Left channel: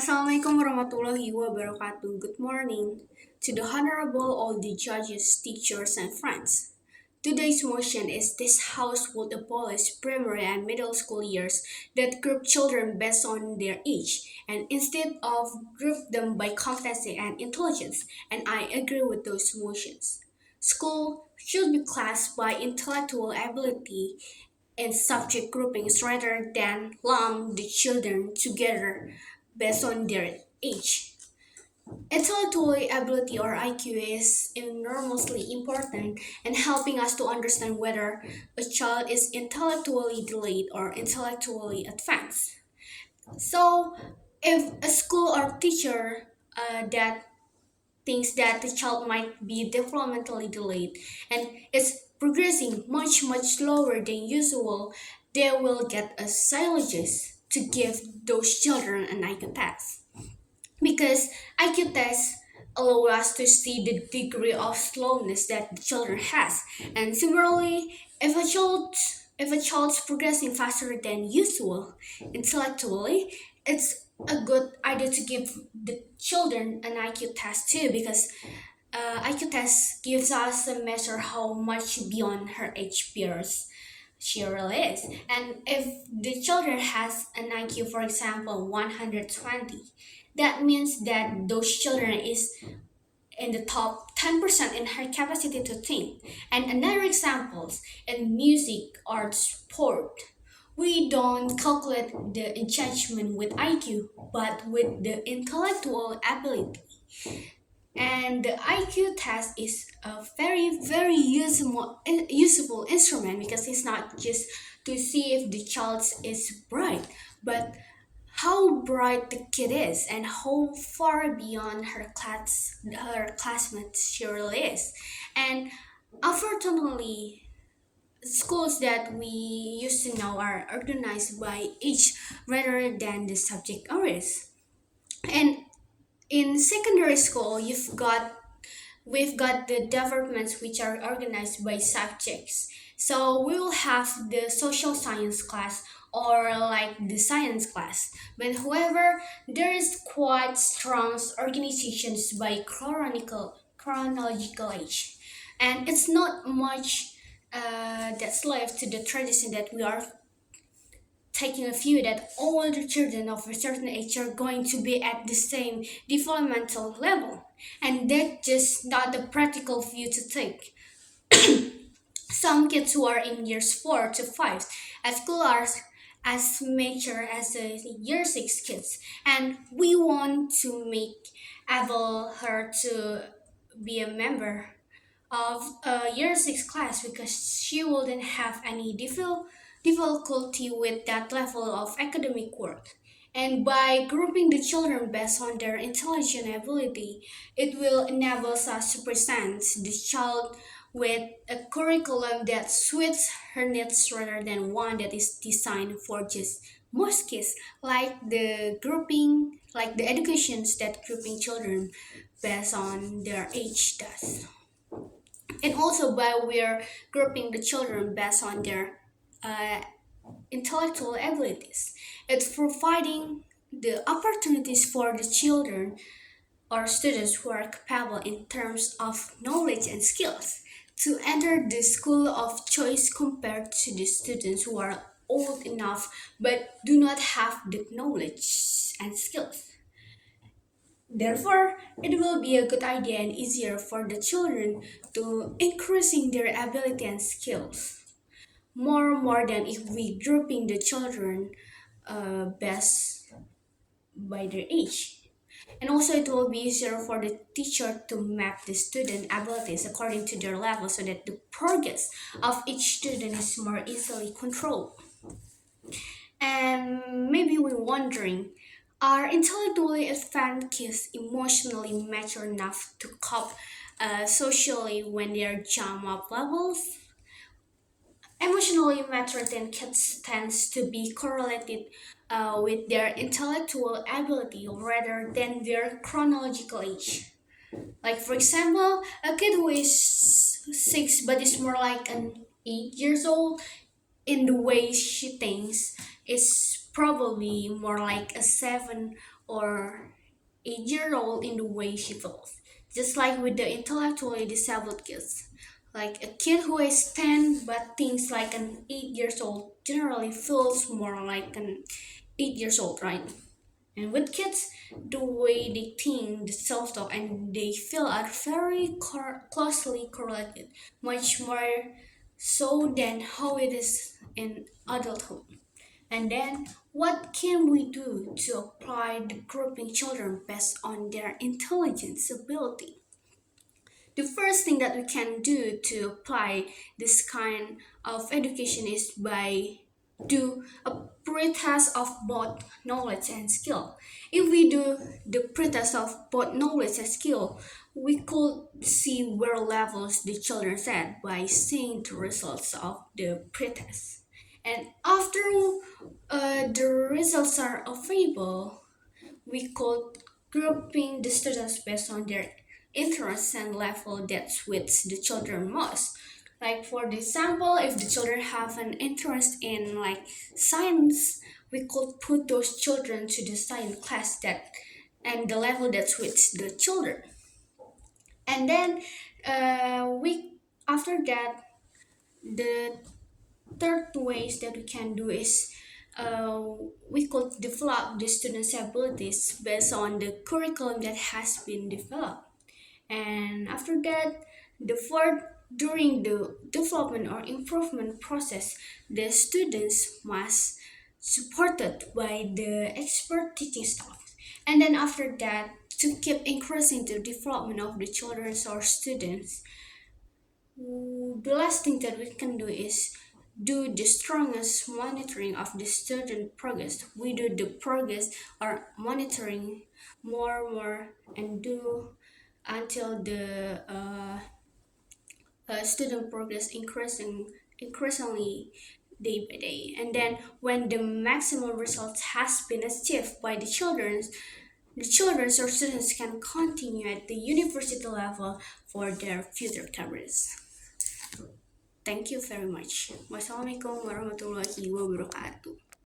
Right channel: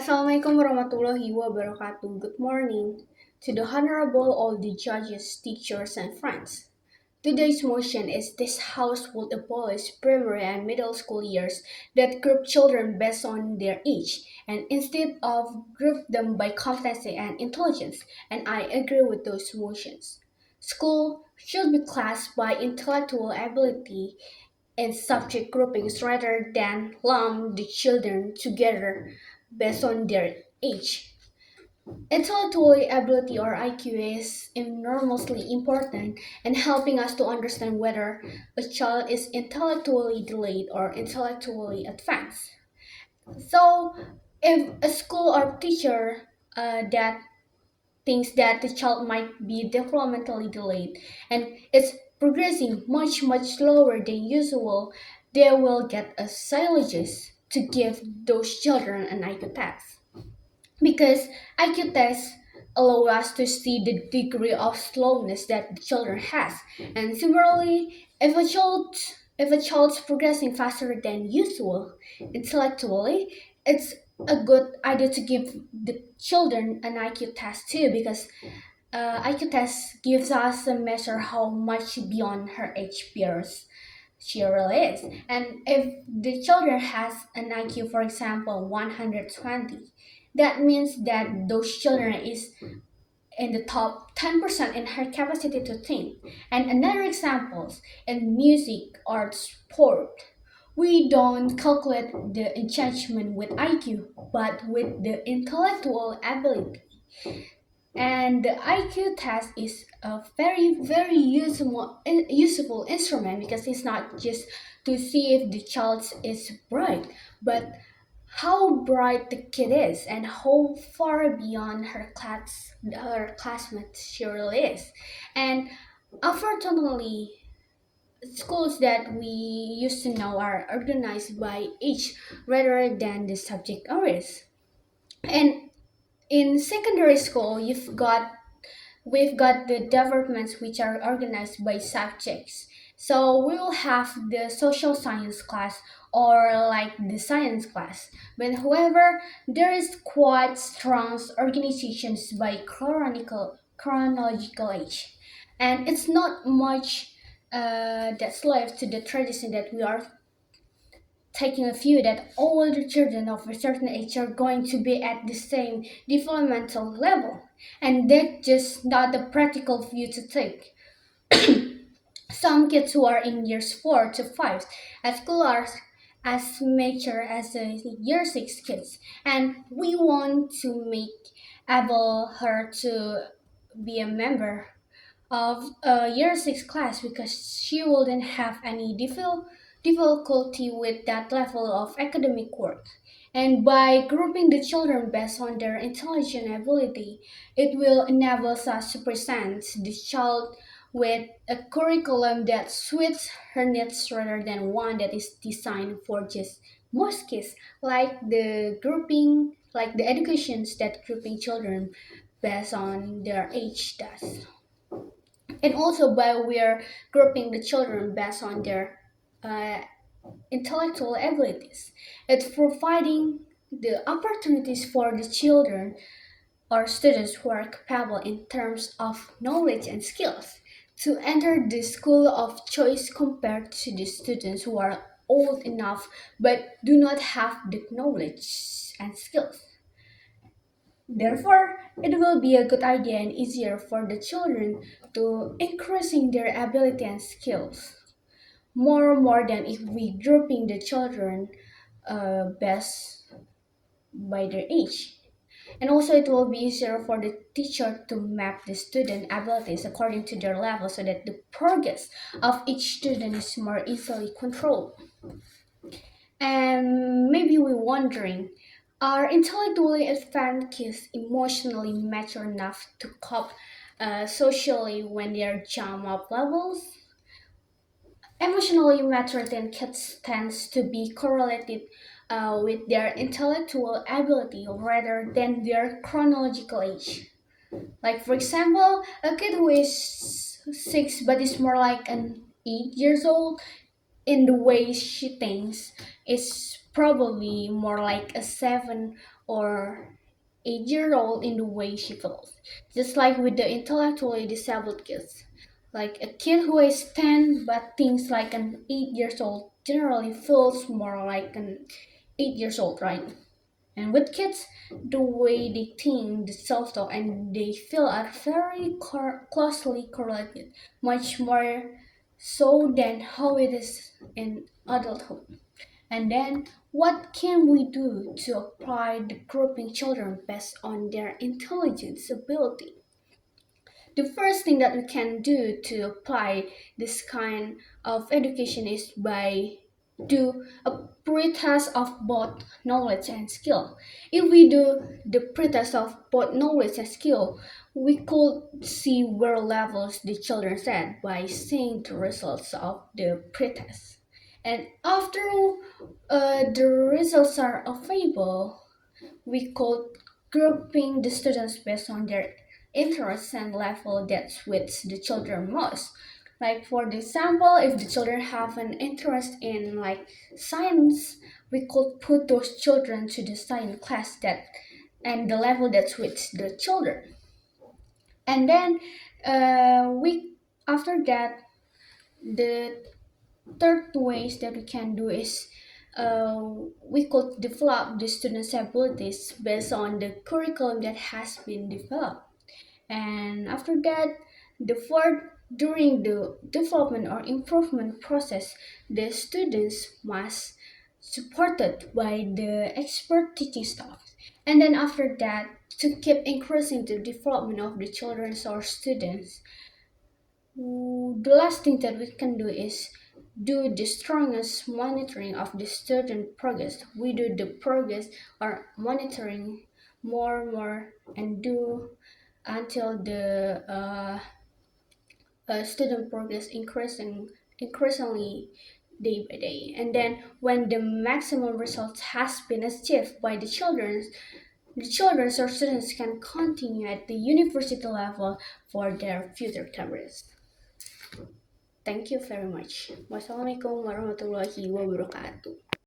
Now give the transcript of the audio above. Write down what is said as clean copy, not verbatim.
Assalamualaikum warahmatullahi wabarakatuh. Good morning to the Honorable all the judges, teachers, and friends. Today's motion is this House would abolish primary and middle school years that group children based on their age and instead of group them by competency and intelligence, and I agree with those motions. School should be classed by intellectual ability and subject groupings rather than lump the children together based on their age. Intellectual ability or IQ is enormously important in helping us to understand whether a child is intellectually delayed or intellectually advanced. So, if a school or teacher that thinks that the child might be developmentally delayed and is progressing much slower than usual, they will get a psychologist to give those children an IQ test. Because IQ tests allow us to see the degree of slowness that the children has. And similarly, if a child's progressing faster than usual intellectually, it's a good idea to give the children an IQ test too because IQ test gives us a measure how much beyond her age peers she really is. And if the children has an IQ, for example, 120, that means that those children is in the top 10% in her capacity to think. And another examples in music, art, sport, we don't calculate the judgment with IQ, but with the intellectual ability. And the IQ test is a very useful instrument because it's not just to see if the child is bright, but how bright the kid is and how far beyond her classmates she really is. And unfortunately, schools that we used to know are organized by age rather than the subject areas. And in secondary school, we've got the departments which are organized by subjects. So we will have the social science class or like the science class. But however, there is quite strong organizations by chronological age. And it's not much that's left to the tradition that we are taking a view that all the children of a certain age are going to be at the same developmental level. And that's just not the practical view to take. Some kids who are in years 4 to 5 at school are as mature as the year 6 kids. And we want to make able her to be a member of a year 6 class because she wouldn't have any difficulty with that level of academic work. And by grouping the children based on their intelligent ability, it will enable us to present the child with a curriculum that suits her needs rather than one that is designed for just most kids, like the educations that grouping children based on their age does. And also by we're grouping the children based on their uh, intellectual abilities. It's providing the opportunities for the children or students who are capable in terms of knowledge and skills to enter the school of choice compared to the students who are old enough but do not have the knowledge and skills. Therefore, it will be a good idea and easier for the children to increasing their ability and skills more than if we grouping the children best by their age. And also it will be easier for the teacher to map the student abilities according to their level so that the progress of each student is more easily controlled. And maybe we're wondering, are intellectually advanced kids emotionally mature enough to cope socially when they're jump up levels? Emotionally mature than kids tends to be correlated with their intellectual ability rather than their chronological age. Like for example, a kid who is 6 but is more like an 8 years old in the way she thinks is probably more like a 7 or 8 year old in the way she feels. Just like with the intellectually disabled kids. Like a kid who is 10 but thinks like an 8 years old generally feels more like an 8 years old, right? And with kids, the way they think, the self-talk, and they feel are very closely correlated, much more so than how it is in adulthood. And then, what can we do to apply the grouping children based on their intelligence ability? The first thing that we can do to apply this kind of education is by do a pretest of both knowledge and skill. If we do the pretest of both knowledge and skill, we could see where levels the children at by seeing the results of the pretest. And after the results are available, we could grouping the students based on their interests and level that suits the children most. Like for the example, if the children have an interest in like science, we could put those children to the science class that and the level that suits the children. And then we after that the third ways that we can do is uh, we could develop the students' abilities based on the curriculum that has been developed. And after that, the fourth, during the development or improvement process, the students must supported by the expert teaching staff. And then after that, to keep increasing the development of the children or students, the last thing that we can do is do the strongest monitoring of the student progress. We do the progress or monitoring more and do until the student progress increasingly day by day. And then when the maximum results has been achieved by the children or students can continue at the university level for their future careers. Thank you very much. Wassalamualaikum warahmatullahi wabarakatuh.